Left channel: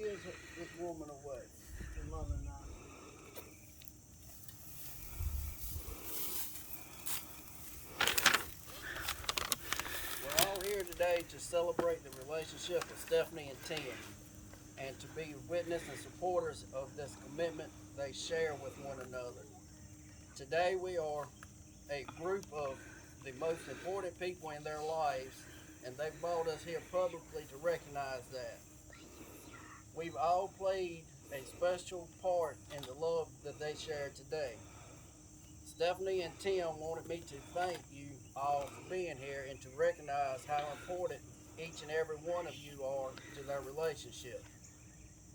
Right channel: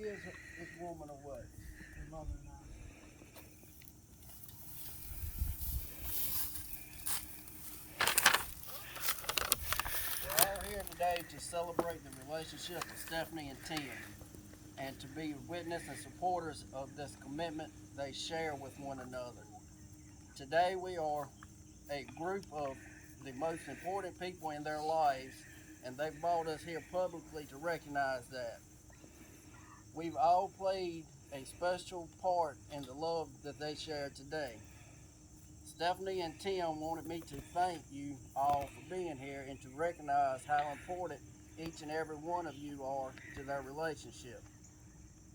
gives this woman away? Her mother and I. We're all here today to celebrate the relationship of Stephanie and Tim and to be witness and supporters of this commitment they share with one another. Today we are a group of the most important people in their lives, and they've brought us here publicly to recognize that. We've all played a special part in the love that they share today. Stephanie and Tim wanted me to thank you all for being here and to recognize how important each and every one of you are to their relationship.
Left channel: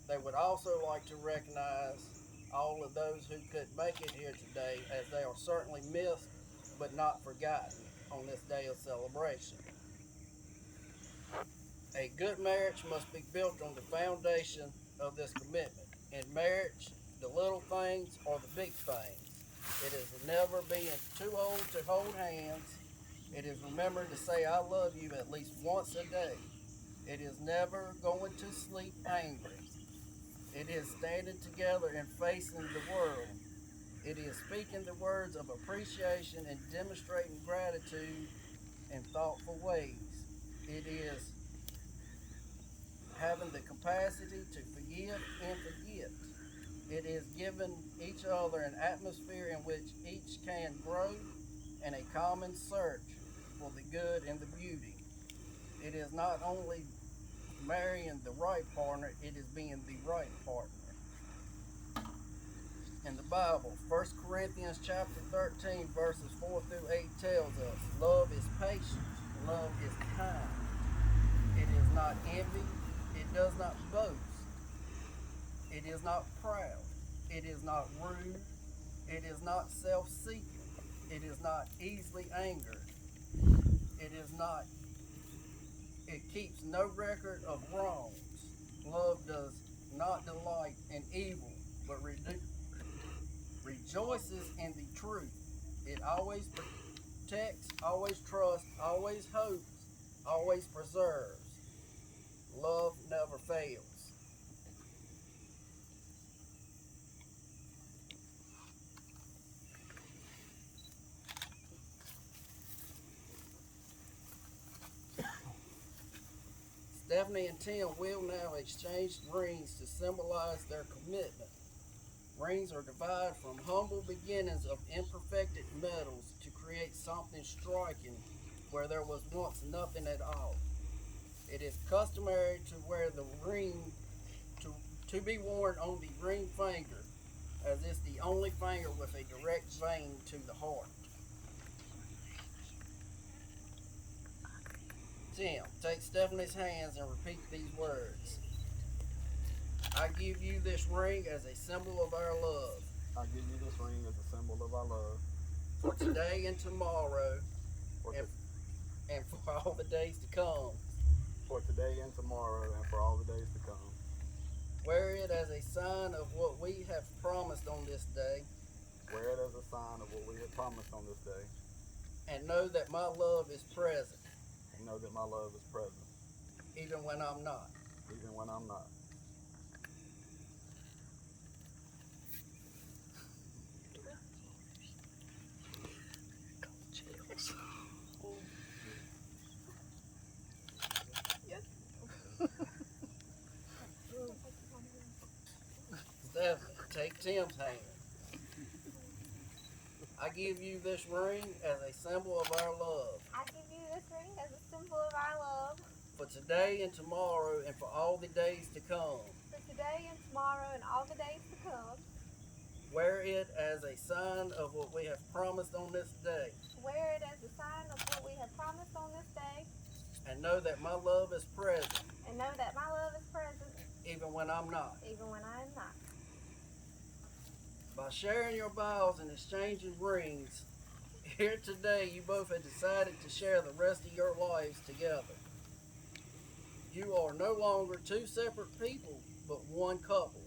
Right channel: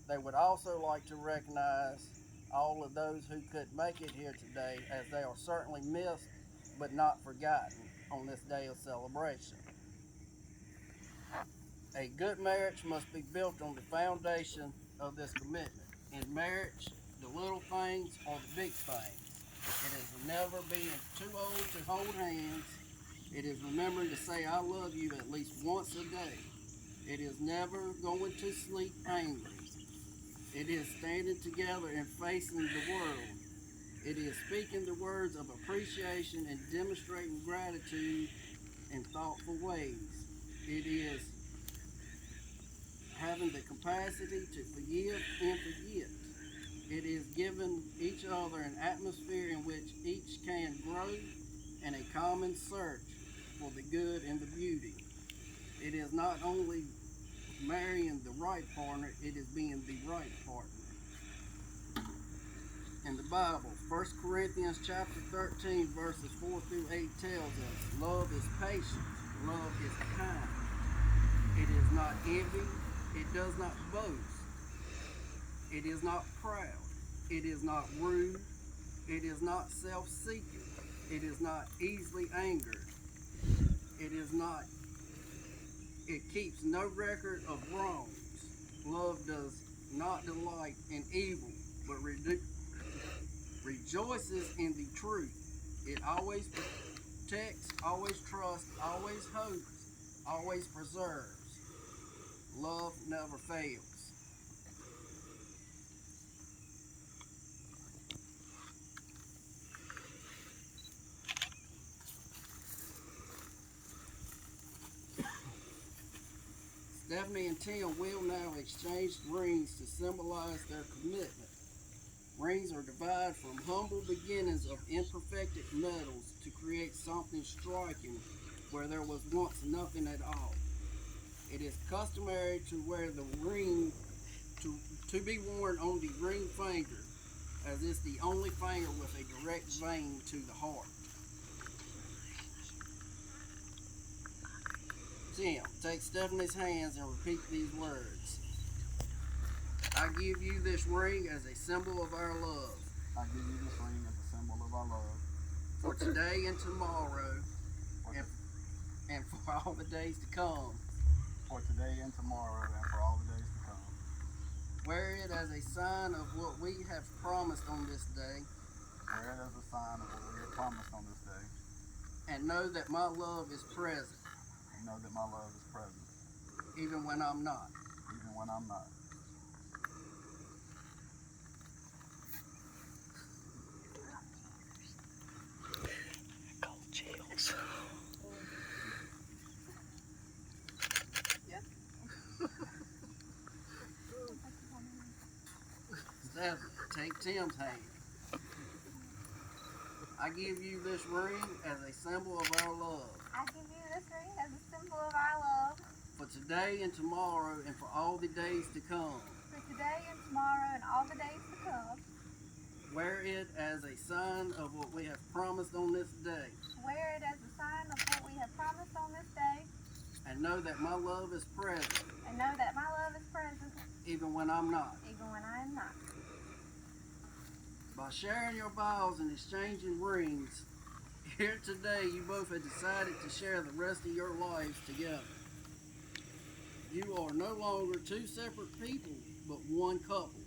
They would also like to recognize all of those who couldn't make it here today, as they are certainly missed but not forgotten on this day of celebration. A good marriage must be built on the foundation of this commitment. In marriage, the little things are the big things. It is never being too old to hold hands. It is remembering to say I love you at least once a day. It is never going to sleep angry. It is standing together and facing the world. It is speaking the words of appreciation and demonstrating gratitude in thoughtful ways. It is having the capacity to forgive and forget. It is giving each other an atmosphere in which each can grow and a common search for the good and the beauty. It is not only marrying the right partner, it is being the right partner. In the Bible, 1 Corinthians chapter 13, verses 4 through 8 tells us, love is patient, love is kind. It is not envy, it does not boast, it is not proud, it is not rude, it is not self-seeking, it is not easily angered, it keeps no record of wrongs. Love does not delight in evil, but rejoices in the truth. It always protects, always trusts, always hopes, always preserves. Love never fails. Stephanie and Tim will now exchange rings to symbolize their commitment. Rings are derived from humble beginnings of imperfected metals to create something striking where there was once nothing at all. It is customary to wear the ring to be worn on the ring finger, as it's the only finger with a direct vein to the heart. Tim, take Stephanie's hands and repeat these words. I give you this ring as a symbol of our love. I give you this ring as a symbol of our love. For today and tomorrow, For, and, and for all the days to come. for today and tomorrow, and for all the days to come. Wear it as a sign of what we have promised on this day. Wear it as a sign of what we have promised on this day. And know that my love is present. And know that my love is present. Even when I'm not. Even when I'm not. Stephanie, take Tim's hand. I give you this ring as a symbol of our love. I give you this ring as a symbol of our love. For today and tomorrow and for all the days to come. For today and tomorrow and all the days to come. Wear it as a sign of what we have promised on this day. Wear it as a sign of what we have promised on this day. And know that my love is present. And know that my love is present. Even when I'm not. Even when I am not. By sharing your vows and exchanging rings, here today you both have decided to share the rest of your lives together. You are no longer two separate people, but one couple.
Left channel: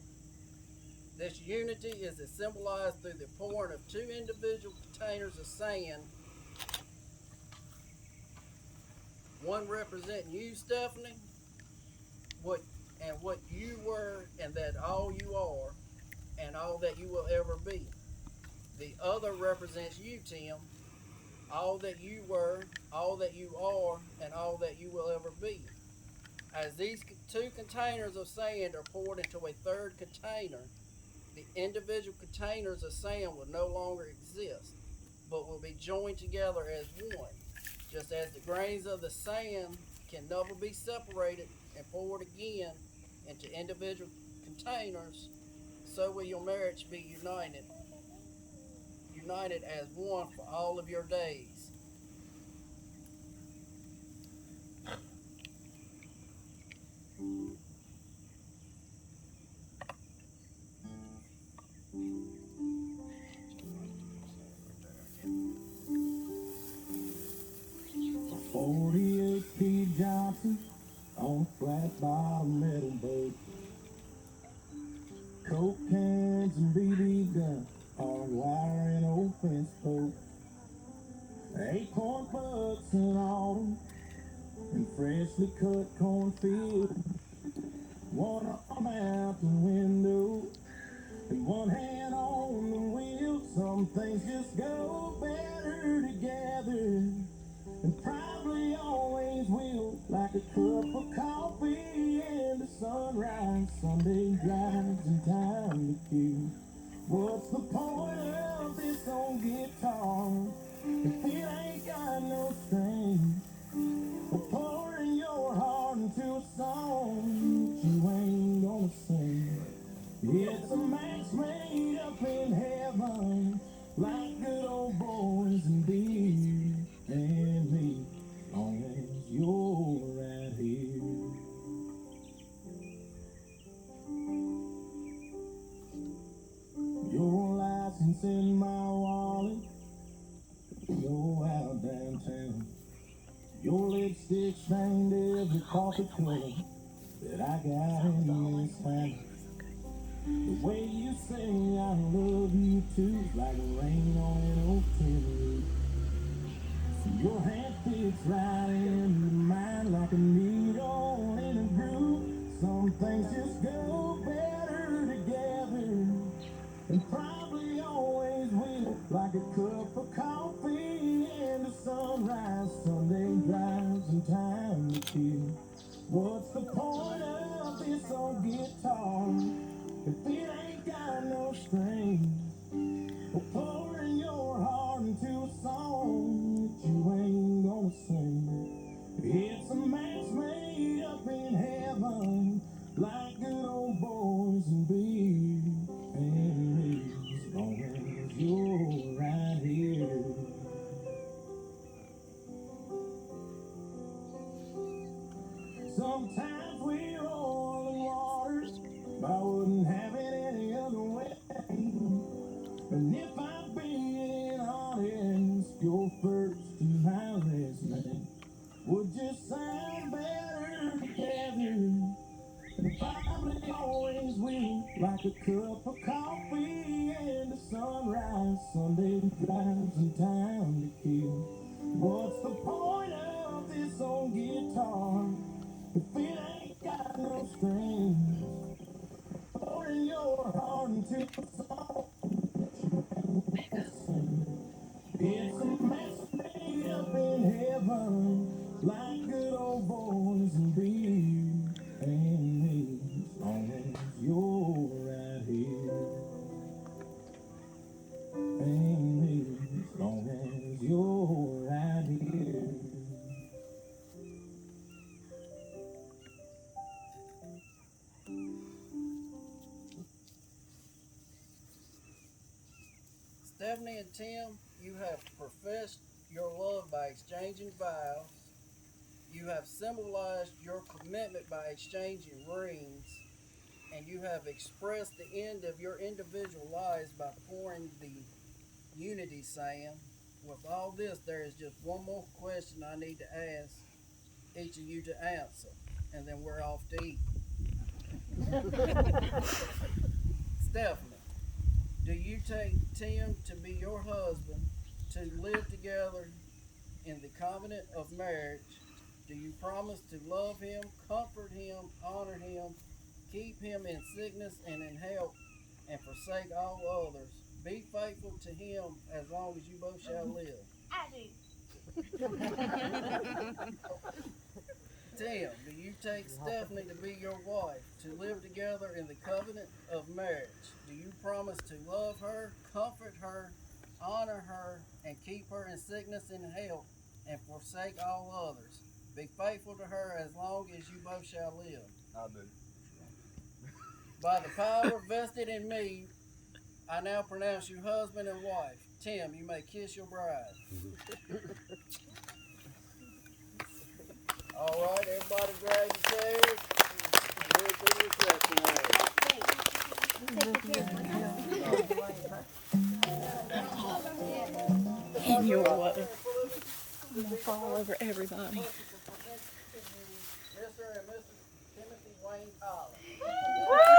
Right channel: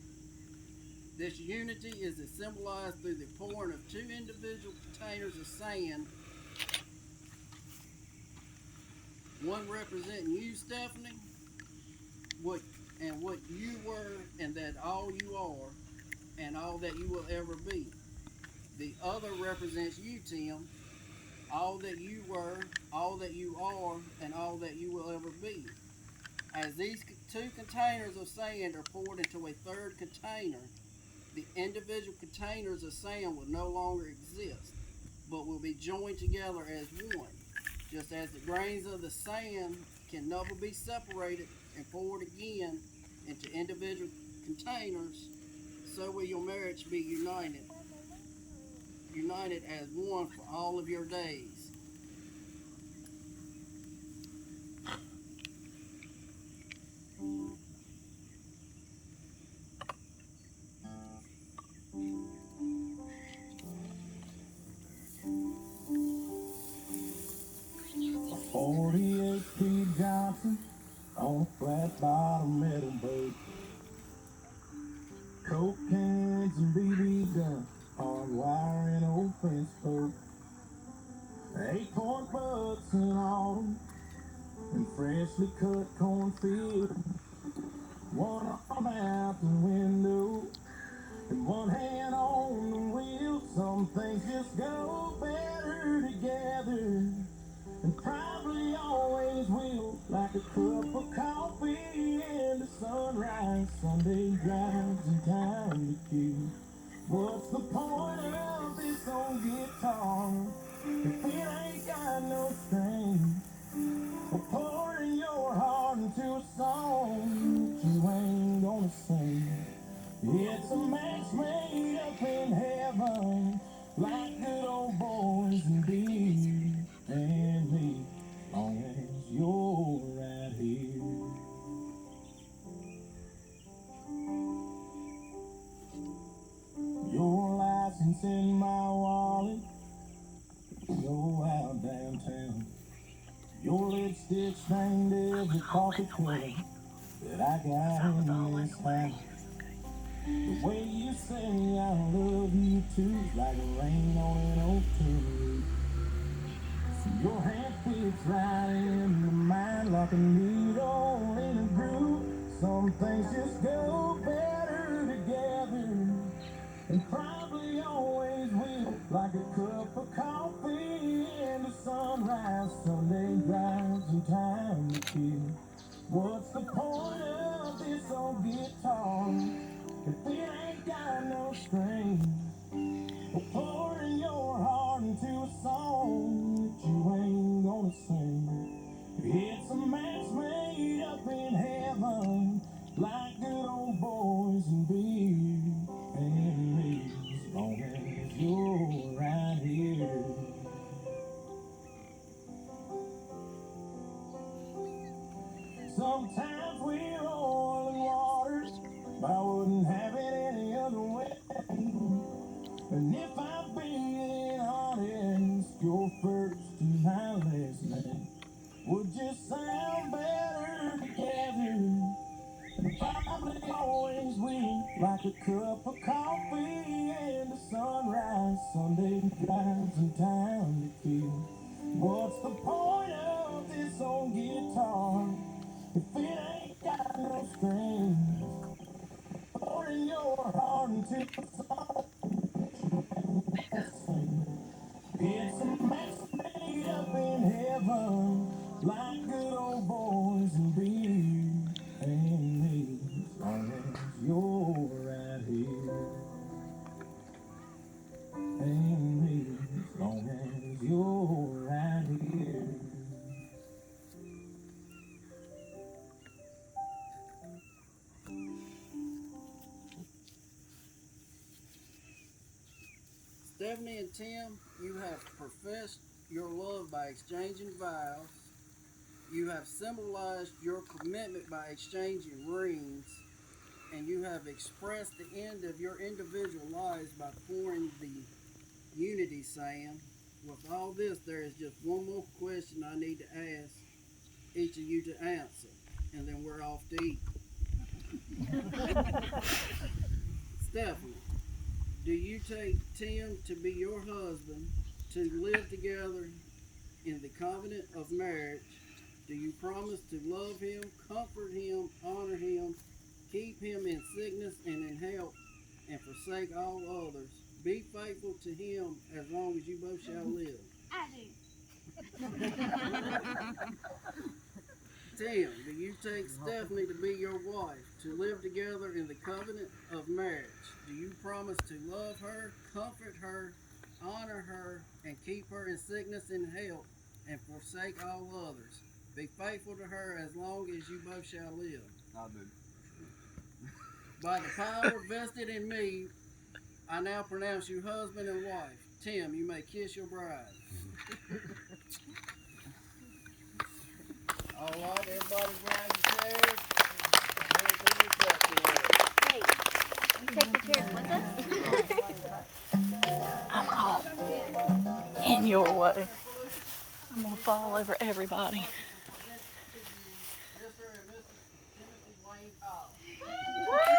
This unity is symbolized through the pouring of two individual containers of sand, one representing you, Stephanie, what and what you were, and that all you are, and all that you will ever be. The other represents you, Tim, all that you were, all that you are, and all that you will ever be. As these two containers of sand are poured into a third container, the individual containers of sand will no longer exist, but will be joined together as one. Just as the grains of the sand can never be separated and poured again into individual containers, so will your marriage be united as one for all of your days. A 48 P. Johnson on a flat bottom metal boat. Coke cans and BB guns, hard wire and old fence post. 8-point bucks in autumn and freshly cut cornfield. One arm out the window and one hand on the wheel. Some things just go better together, and probably always will. Like a cup of coffee and a sunrise, Sunday drives and time to kill. What's the point of this old guitar if it ain't got no strings? Or pouring your heart into a song that you ain't gonna sing. It's a match made up in heaven, like good old boys and beer and me, long as you're right here. Your license in my wallet, go out downtown. Your lipstick stained every coffee cup that I got in this town. The way you say I love you too is like rain on an oak tin roof. Your hand fits right into mine like a needle in a groove. Some things just go better together, and probably always will. Like a cup of coffee and a sunrise, Sunday drives and time to kill. What's the point of this old guitar if it ain't got no strings? Or pouring your heart into a song that you ain't gonna sing. It's a match made up in heaven, like good old boys and beer and me, as long as you're right here. Sometimes we're oil and water, but I wouldn't have it any other way. And if I'm being honest, your first and my last name would just sound better together, and probably always will. Like a cup of coffee and a sunrise, Sunday drives and time to kill. What's the point of this old guitar if it ain't got no strings? Pouring your heart into a song. It's a mess made up in heaven, like good old boys and beer and me, as long as you're right here. And me, as long as you're right here. Stephanie and Tim, you have professed your love by exchanging vows. You have symbolized your commitment by exchanging rings. And you have expressed the end of your individual lives by pouring the unity sand. With all this, there is just one more question I need to ask each of you to answer, and then we're off to eat. Stephanie, do you take Tim to be your husband, to live together in the covenant of marriage? Do you promise to love him, comfort him, honor him, keep him in sickness and in health, and forsake all others. Be faithful to him as long as you both shall live. I do. Tim, do you take Stephanie to be your wife, to live together in the covenant of marriage? Do you promise to love her, comfort her, honor her, and keep her in sickness and health, and forsake all others? Be faithful to her as long as you both shall live. I do. By the power vested in me, I now pronounce you husband and wife. Tim, you may kiss your bride. All right, everybody grab your chairs. We'll do the reception area. You take the chairs with us? In your way. I'm gonna fall over everybody. Mr. and Mrs. Timothy Wayne Collins.